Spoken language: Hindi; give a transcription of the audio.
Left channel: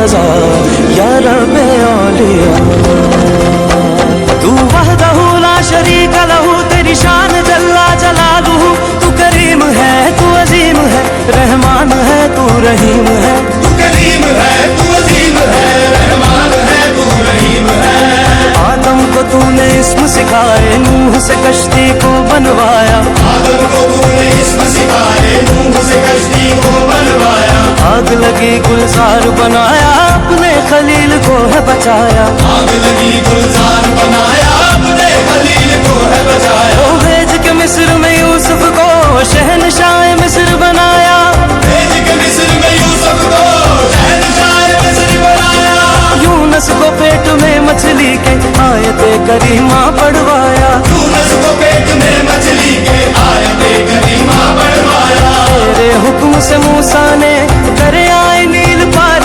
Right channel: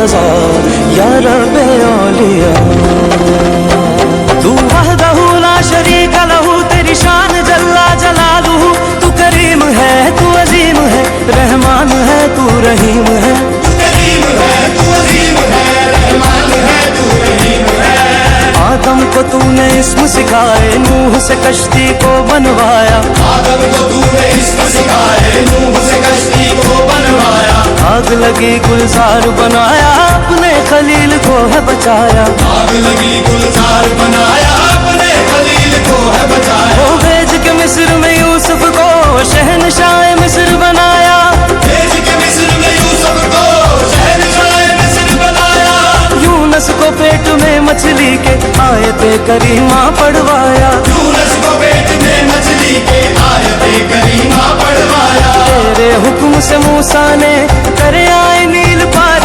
रज़ा या रब्बे औलिया। तू वहदहू ला शरीक लहू, तेरी शान जल्ला जलालुहू। तू करीम है, तू अजीम है, रहमान है, तू रहीम है। तू करीम है, तू अजीम है, रहमान है, तू रहीम है। आदम को तूने इस्म सिखाए, नूह से कश्ती को बनवाया। आदम को तूने इस्म सिखाए, नूह से कश्ती को बनवाया। आग लगी गुलजार बनाया, अपने खलील को है बचाया। आग लगी गुलजार बनाया, अपने खलील को है बचाया। वो भेज के मिस्र में यूसुफ को शहनशाह मिस्र बनाया। भेज के मिस्र में यूसुफ को शहनशाह मिस्र बनाया। यूनुस को पेट में मछली के आयते करीमा पढ़वाया। यूनुस को पेट में मछली के आयते करीमा पढ़वाया। तेरे हुक्म से मूसा ने करे आए नील पार।